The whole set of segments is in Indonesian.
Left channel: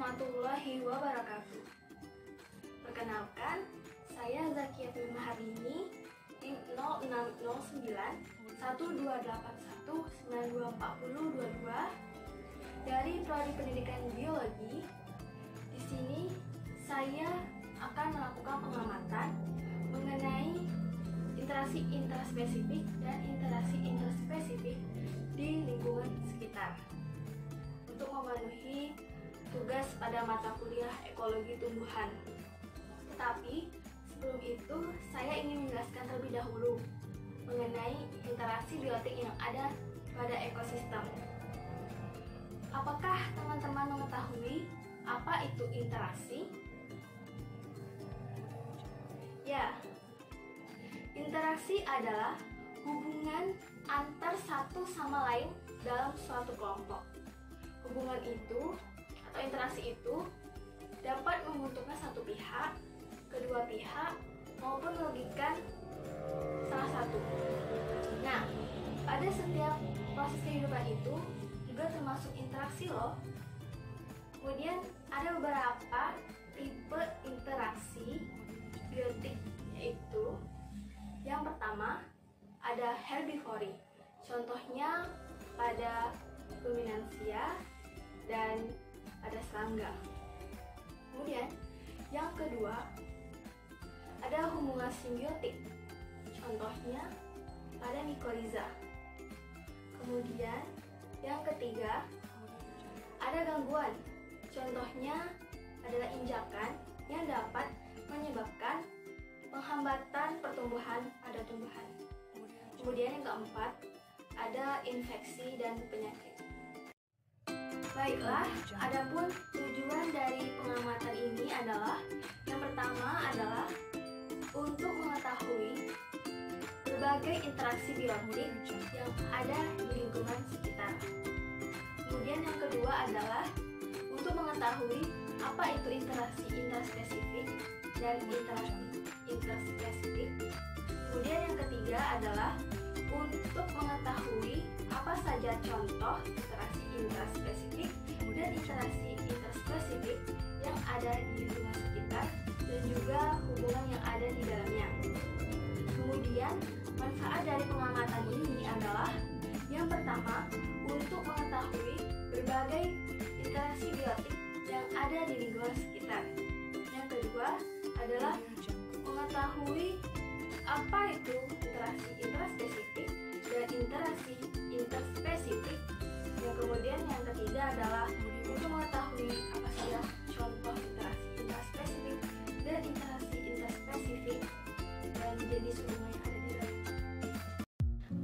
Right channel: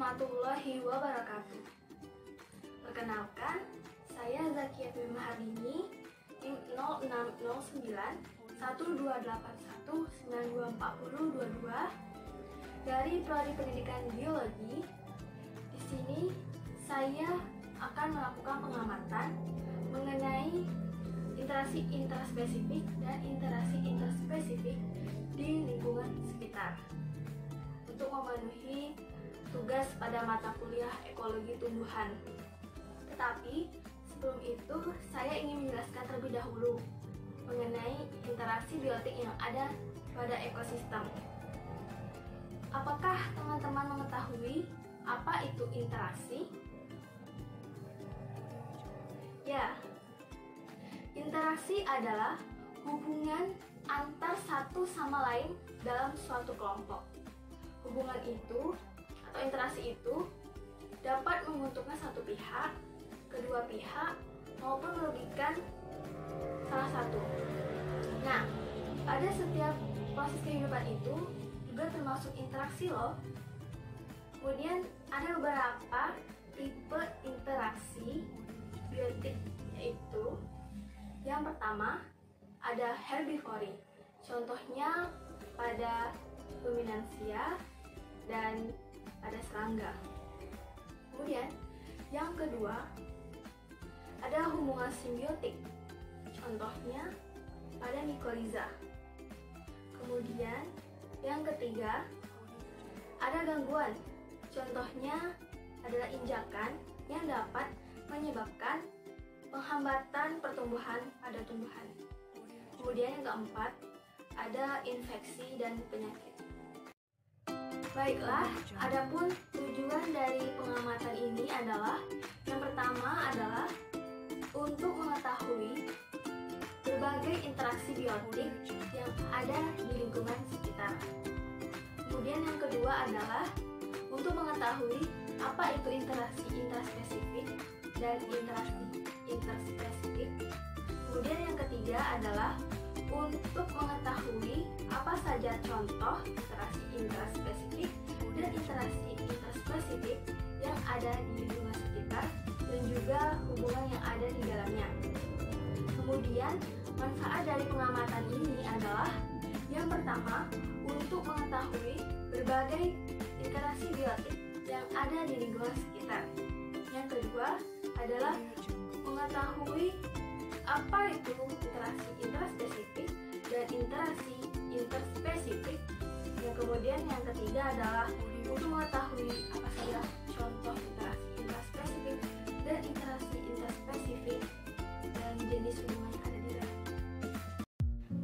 warahmatullahi wabarakatuh. Perkenalkan, saya Zakia Maharini, NIM 0609 1281 924022 dari Prodi Pendidikan Biologi. Di sini saya akan melakukan pengamatan mengenai interaksi intraspesifik dan interaksi interspesifik di lingkungan sekitar untuk memenuhi tugas pada mata kuliah ekologi tumbuhan. Tetapi sebelum itu saya ingin menjelaskan terlebih dahulu mengenai interaksi biotik yang ada pada ekosistem. Apakah teman-teman mengetahui apa itu interaksi? Ya, interaksi adalah hubungan antar satu sama lain dalam suatu kelompok. Hubungan itu atau interaksi itu dapat menguntungkan satu pihak, kedua pihak, maupun merugikan salah satu. Nah, pada setiap proses kehidupan itu juga termasuk interaksi loh. Kemudian ada beberapa tipe interaksi biotik, yaitu yang pertama ada herbivori. Contohnya pada ruminansia dan pada serangga. Kemudian yang kedua ada hubungan simbiotik. Contohnya pada mikoriza. Kemudian yang ketiga ada gangguan. Contohnya adalah injakan yang dapat menyebabkan penghambatan pertumbuhan pada tumbuhan. Kemudian yang keempat ada infeksi dan penyakit. Baiklah, adapun tujuan dari pengamatan ini adalah yang pertama adalah untuk mengetahui berbagai interaksi biotik yang ada di lingkungan sekitar. Kemudian yang kedua adalah untuk mengetahui apa itu interaksi intraspesifik dan interaksi interspesifik. Kemudian yang ketiga adalah untuk mengetahui apa saja contoh interaksi intraspesifik dan interaksi interspesifik yang ada di lingkungan sekitar dan juga hubungan yang ada di dalamnya. Kemudian manfaat dari pengamatan ini adalah yang pertama untuk mengetahui berbagai interaksi biotik yang ada di lingkungan sekitar. Yang kedua adalah mengetahui apa itu interaksi intraspesifik dan interaksi interspesifik. Yang kemudian yang ketiga adalah untuk mengetahui apa saja contoh interaksi intraspesifik dan interaksi interspesifik dan jenis hubungan yang ada di dalam.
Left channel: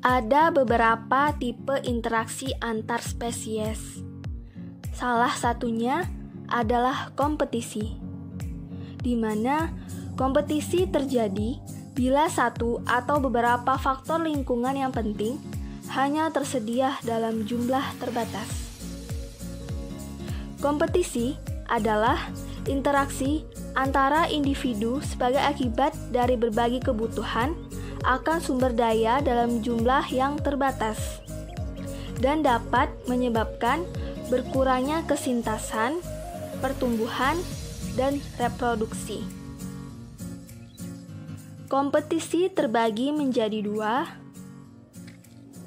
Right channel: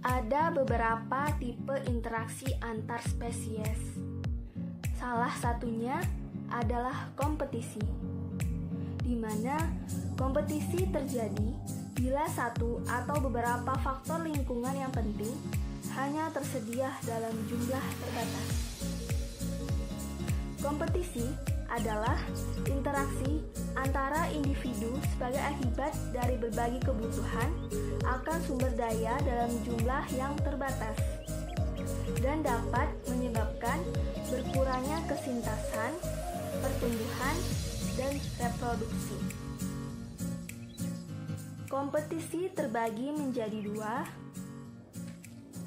Ada beberapa tipe interaksi antar spesies. Salah satunya adalah kompetisi, di mana kompetisi terjadi bila satu atau beberapa faktor lingkungan yang penting hanya tersedia dalam jumlah terbatas. Kompetisi adalah interaksi antara individu sebagai akibat dari berbagi kebutuhan akan sumber daya dalam jumlah yang terbatas dan dapat menyebabkan berkurangnya kesintasan, pertumbuhan, dan reproduksi. Kompetisi terbagi menjadi dua,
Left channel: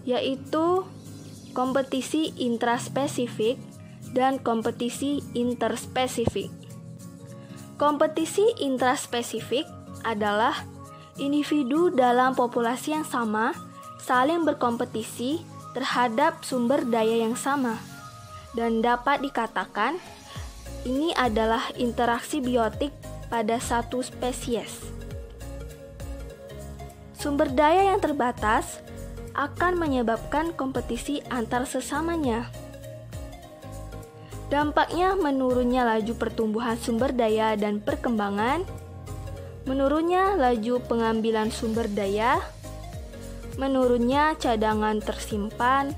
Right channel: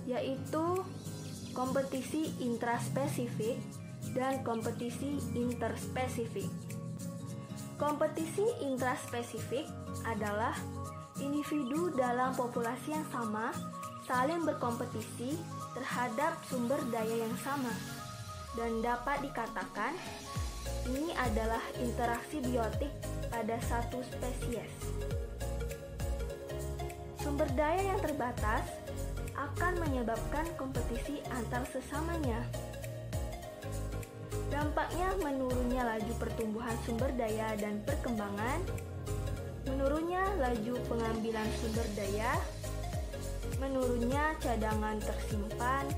yaitu kompetisi intraspesifik dan kompetisi interspesifik. Kompetisi intraspesifik adalah individu dalam populasi yang sama saling berkompetisi terhadap sumber daya yang sama, dan dapat dikatakan ini adalah interaksi biotik pada satu spesies. Sumber daya yang terbatas akan menyebabkan kompetisi antar sesamanya. Dampaknya menurunnya laju pertumbuhan sumber daya dan perkembangan, menurunnya laju pengambilan sumber daya, menurunnya cadangan tersimpan,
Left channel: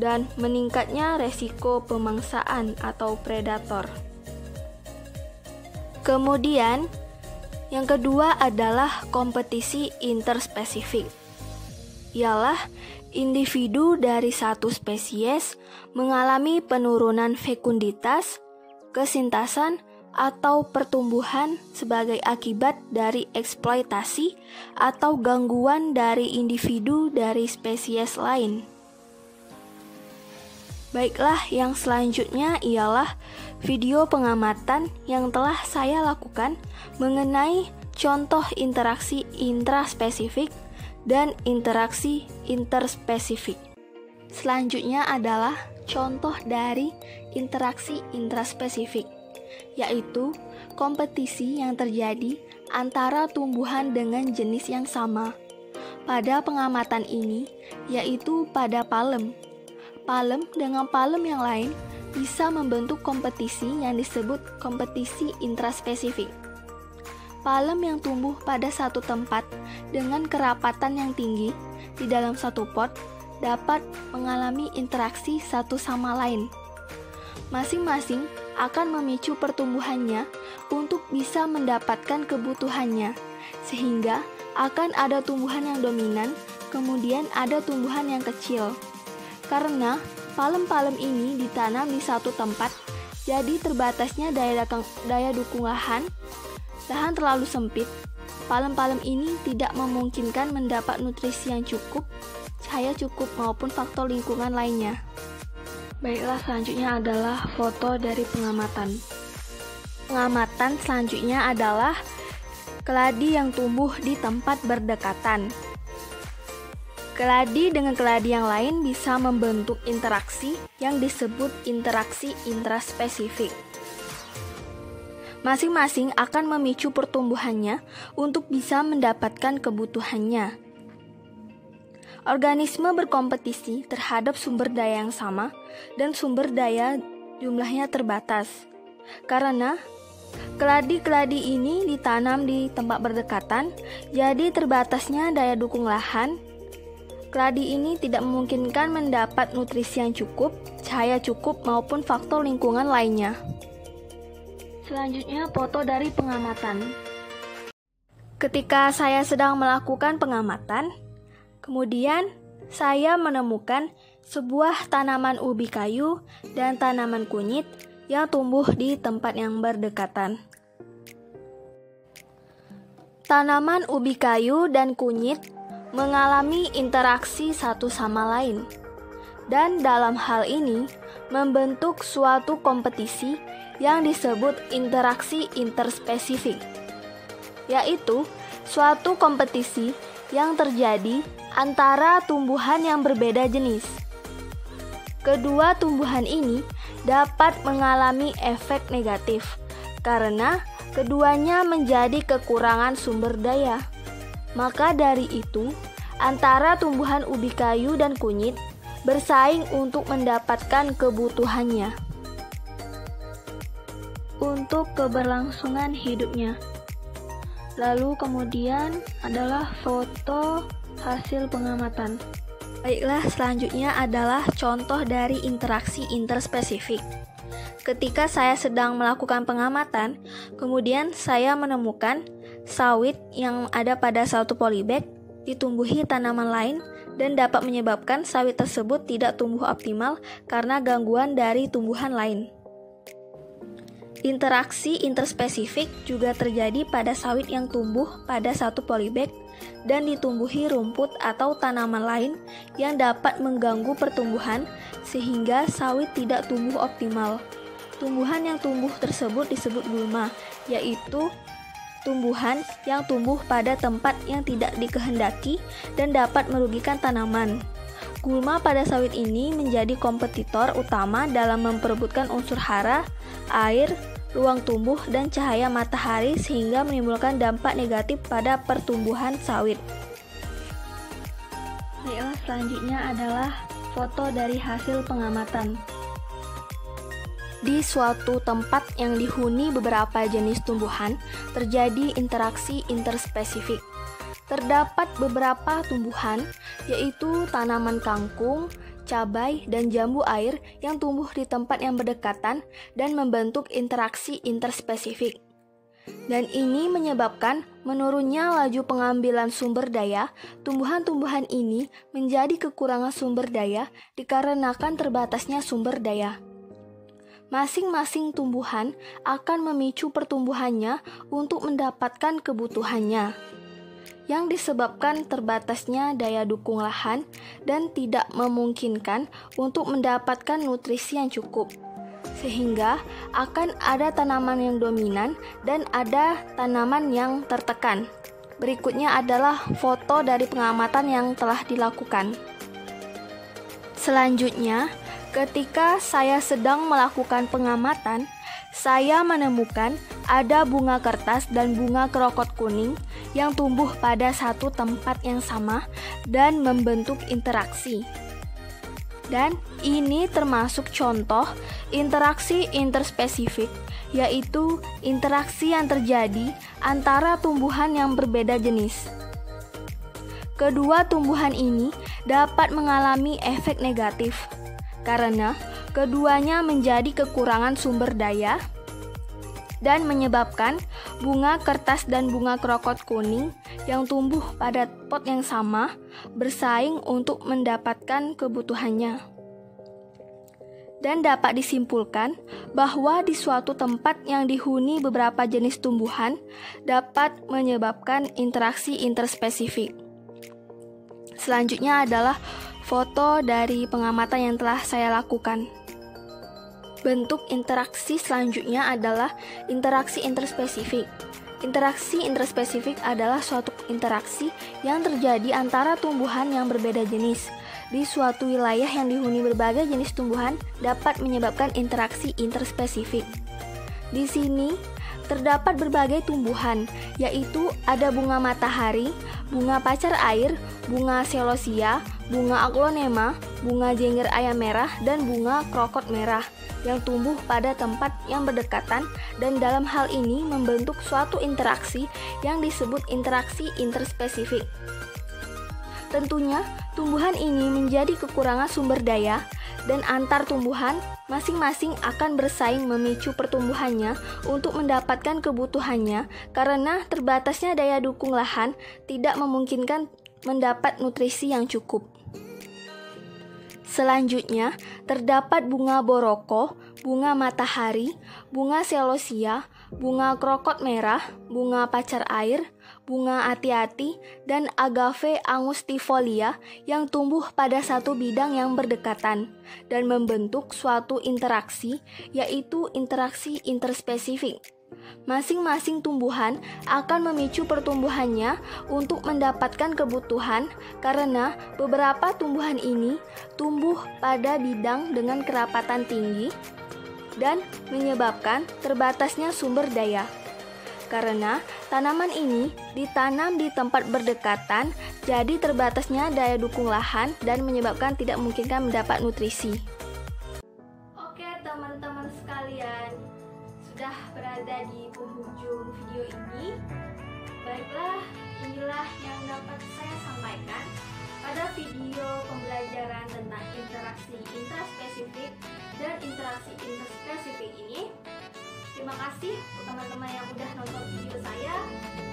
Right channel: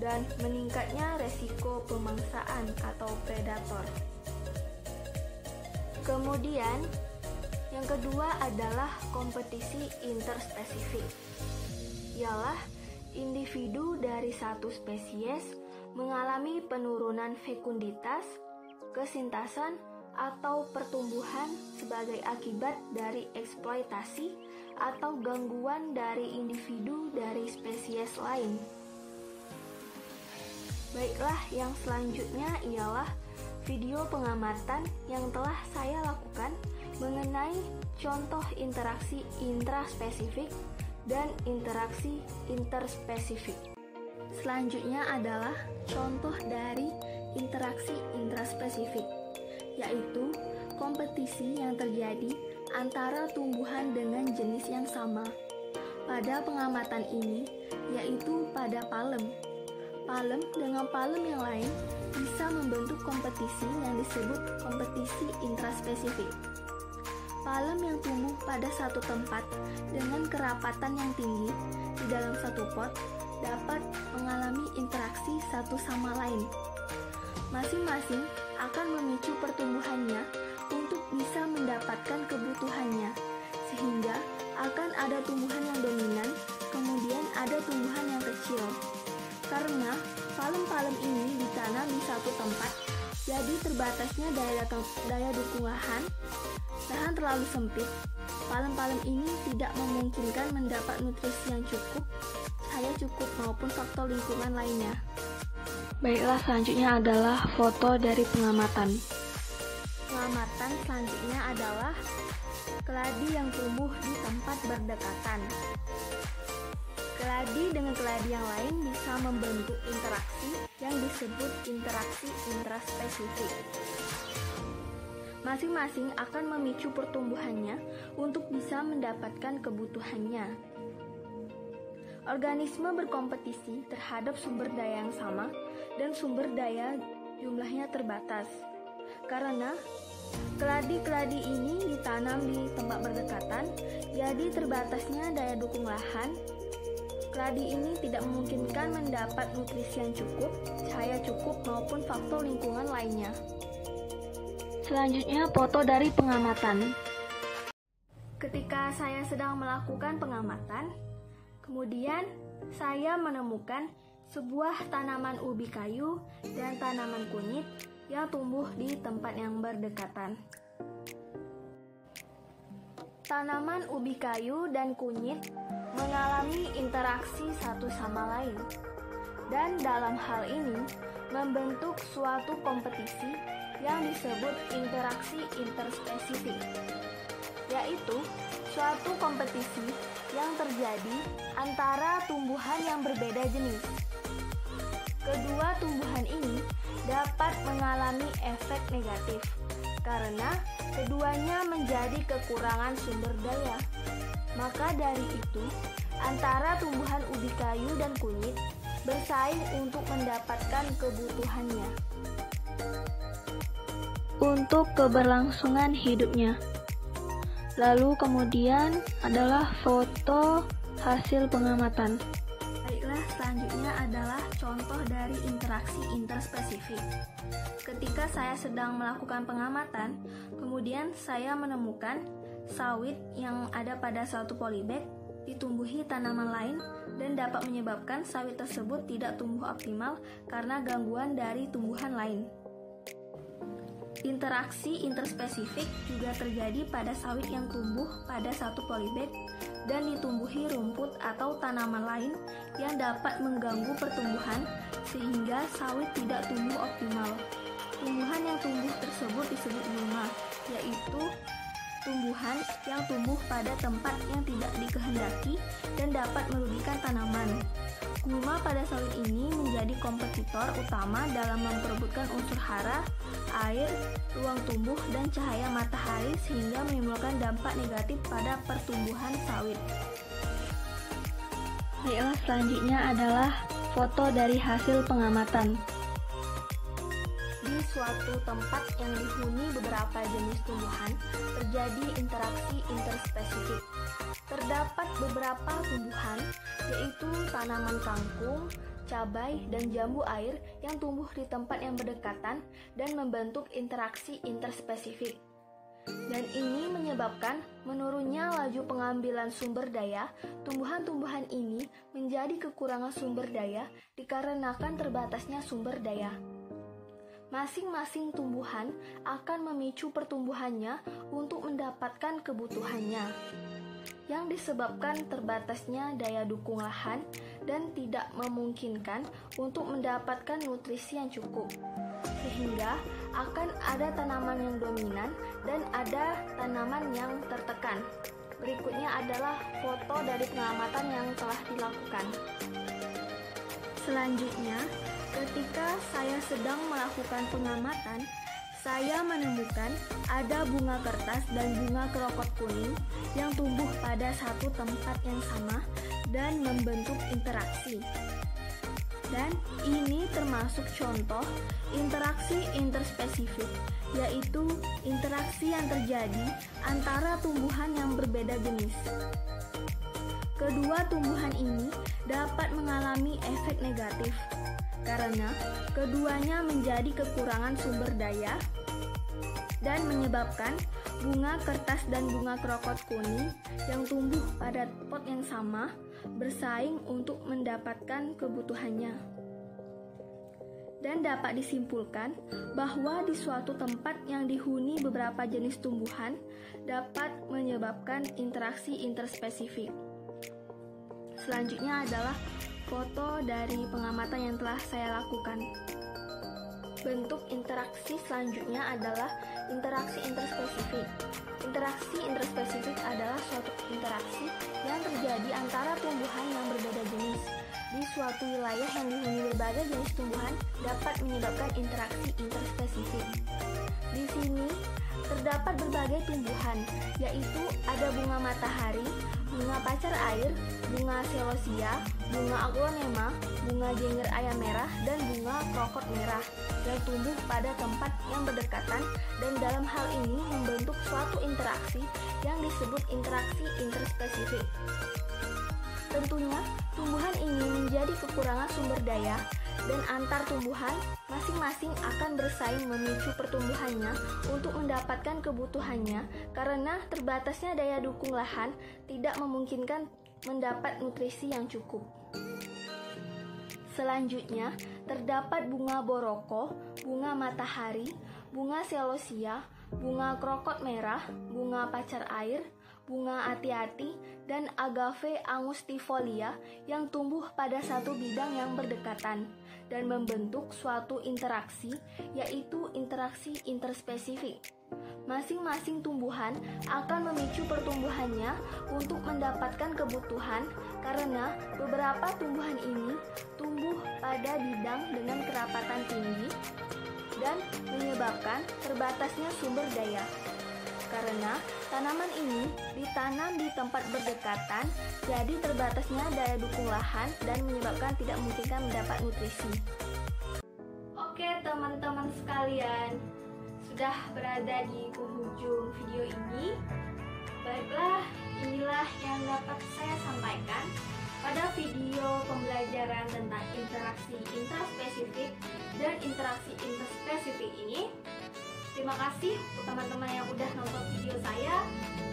dan meningkatnya resiko pemangsaan atau predator. Kemudian, yang kedua adalah kompetisi interspesifik. Ialah individu dari satu spesies mengalami penurunan fekunditas kesintasan, atau pertumbuhan sebagai akibat dari eksploitasi atau gangguan dari individu dari spesies lain. Baiklah, yang selanjutnya ialah video pengamatan yang telah saya lakukan mengenai contoh interaksi intraspesifik dan interaksi interspesifik. Selanjutnya adalah contoh dari interaksi intraspesifik, yaitu kompetisi yang terjadi antara tumbuhan dengan jenis yang sama. Pada pengamatan ini, yaitu pada palem. Palem dengan palem yang lain bisa membentuk kompetisi yang disebut kompetisi intraspesifik. Palem yang tumbuh pada satu tempat dengan kerapatan yang tinggi di dalam satu pot dapat mengalami interaksi satu sama lain. Masing-masing akan memicu pertumbuhannya untuk bisa mendapatkan kebutuhannya, sehingga akan ada tumbuhan yang dominan, kemudian ada tumbuhan yang kecil. Karena palem-palem ini ditanam di satu tempat, jadi terbatasnya daya dukung lahan terlalu sempit. Palem-palem ini tidak memungkinkan mendapat nutrisi yang cukup, cahaya cukup maupun faktor lingkungan lainnya. Baiklah, selanjutnya adalah foto dari pengamatan. Pengamatan selanjutnya adalah keladi yang tumbuh di tempat berdekatan. Keladi dengan keladi yang lain bisa membentuk interaksi yang disebut interaksi intraspesifik. Masing-masing akan memicu pertumbuhannya untuk bisa mendapatkan kebutuhannya. Organisme berkompetisi terhadap sumber daya yang sama dan sumber daya jumlahnya terbatas. Karena keladi-keladi ini ditanam di tempat berdekatan, jadi terbatasnya daya dukung lahan. Keladi ini tidak memungkinkan mendapat nutrisi yang cukup, cahaya cukup, maupun faktor lingkungan lainnya. Selanjutnya, foto dari pengamatan. Ketika saya sedang melakukan pengamatan, kemudian saya menemukan sebuah tanaman ubi kayu dan tanaman kunyit yang tumbuh di tempat yang berdekatan. Tanaman ubi kayu dan kunyit mengalami interaksi satu sama lain, dan dalam hal ini membentuk suatu kompetisi yang disebut interaksi interspesifik, yaitu suatu kompetisi yang terjadi antara tumbuhan yang berbeda jenis. Kedua tumbuhan ini dapat mengalami efek negatif karena keduanya menjadi kekurangan sumber daya. Maka dari itu, antara tumbuhan ubi kayu dan kunyit bersaing untuk mendapatkan kebutuhannya untuk keberlangsungan hidupnya. Lalu kemudian adalah foto hasil pengamatan. Baiklah, selanjutnya adalah contoh dari interaksi interspesifik. Ketika saya sedang melakukan pengamatan, kemudian saya menemukan sawit yang ada pada satu polybag ditumbuhi tanaman lain dan dapat menyebabkan sawit tersebut tidak tumbuh optimal karena gangguan dari tumbuhan lain. Interaksi interspesifik juga terjadi pada sawit yang tumbuh pada satu polybag dan ditumbuhi rumput atau tanaman lain yang dapat mengganggu pertumbuhan sehingga sawit tidak tumbuh optimal. Tumbuhan yang tumbuh tersebut disebut gulma, yaitu tumbuhan yang tumbuh pada tempat yang tidak dikehendaki dan dapat merugikan tanaman. Gulma pada sawit ini menjadi kompetitor utama dalam memperebutkan unsur hara, air, ruang tumbuh, dan cahaya matahari sehingga menimbulkan dampak negatif pada pertumbuhan sawit. Baiklah, selanjutnya adalah foto dari hasil pengamatan. Di suatu tempat yang dihuni beberapa jenis tumbuhan, terjadi interaksi interspesifik. Terdapat beberapa tumbuhan, yaitu tanaman kangkung, cabai, dan jambu air yang tumbuh di tempat yang berdekatan dan membentuk interaksi interspesifik. Dan ini menyebabkan menurunnya laju pengambilan sumber daya. Tumbuhan-tumbuhan ini menjadi kekurangan sumber daya dikarenakan terbatasnya sumber daya. masing-masing tumbuhan akan memicu pertumbuhannya untuk mendapatkan kebutuhannya, yang disebabkan terbatasnya daya dukung lahan dan tidak memungkinkan untuk mendapatkan nutrisi yang cukup. Sehingga akan ada tanaman yang dominan dan ada tanaman yang tertekan. Berikutnya adalah foto dari pengamatan yang telah dilakukan. Selanjutnya, ketika saya sedang melakukan pengamatan, saya menemukan ada bunga kertas dan bunga kerokot kuning yang tumbuh pada satu tempat yang sama dan membentuk interaksi. Dan ini termasuk contoh interaksi interspesifik, yaitu interaksi yang terjadi antara tumbuhan yang berbeda jenis. Kedua tumbuhan ini dapat mengalami efek negatif karena keduanya menjadi kekurangan sumber daya dan menyebabkan bunga kertas dan bunga kerokot kuning yang tumbuh pada pot yang sama bersaing untuk mendapatkan kebutuhannya. Dan dapat disimpulkan bahwa di suatu tempat yang dihuni beberapa jenis tumbuhan dapat menyebabkan interaksi interspesifik. Selanjutnya adalah foto dari pengamatan yang telah saya lakukan. Bentuk interaksi selanjutnya adalah interaksi interspesifik. Interaksi interspesifik adalah suatu interaksi yang terjadi antara tumbuhan yang berbeda jenis. Di suatu wilayah yang dihuni berbagai jenis tumbuhan dapat menyebabkan interaksi interspesifik. Di sini terdapat berbagai tumbuhan, yaitu ada bunga matahari, bunga pacar air, bunga celosia, bunga aglonema, bunga jengger ayam merah, dan bunga krokot merah yang tumbuh pada tempat yang berdekatan dan dalam hal ini membentuk suatu interaksi yang disebut interaksi interspesifik. Tentunya, tumbuhan ini menjadi kekurangan sumber daya dan antar tumbuhan masing-masing akan bersaing memicu pertumbuhannya untuk mendapatkan kebutuhannya karena terbatasnya daya dukung lahan tidak memungkinkan mendapat nutrisi yang cukup. Selanjutnya, terdapat bunga boroko, bunga matahari, bunga celosia, bunga krokot merah, bunga pacar air, bunga ati-ati, dan agave angustifolia yang tumbuh pada satu bidang yang berdekatan dan membentuk suatu interaksi, yaitu interaksi interspesifik. Masing-masing tumbuhan akan memicu pertumbuhannya untuk mendapatkan kebutuhan karena beberapa tumbuhan ini tumbuh pada bidang dengan kerapatan tinggi dan menyebabkan terbatasnya sumber daya. Karena tanaman ini ditanam di tempat berdekatan, jadi terbatasnya daya dukung lahan dan menyebabkan tidak memungkinkan mendapat nutrisi. Oke teman-teman sekalian, sudah berada di penghujung video ini. Baiklah, inilah yang dapat saya sampaikan pada video pembelajaran tentang interaksi intraspesifik dan interaksi interspesifik ini. Terima kasih untuk teman-teman yang udah nonton video saya.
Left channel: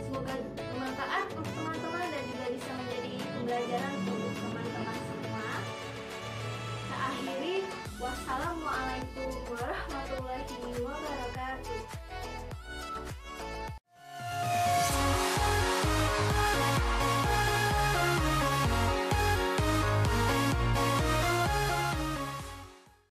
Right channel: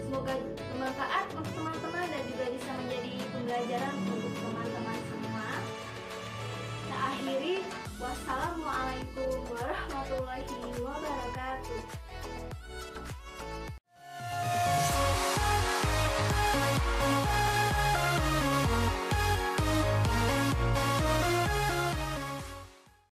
Semoga bermanfaat untuk teman-teman dan juga bisa menjadi pembelajaran untuk teman-teman semua. Saya akhiri. Wassalamualaikum warahmatullahi wabarakatuh.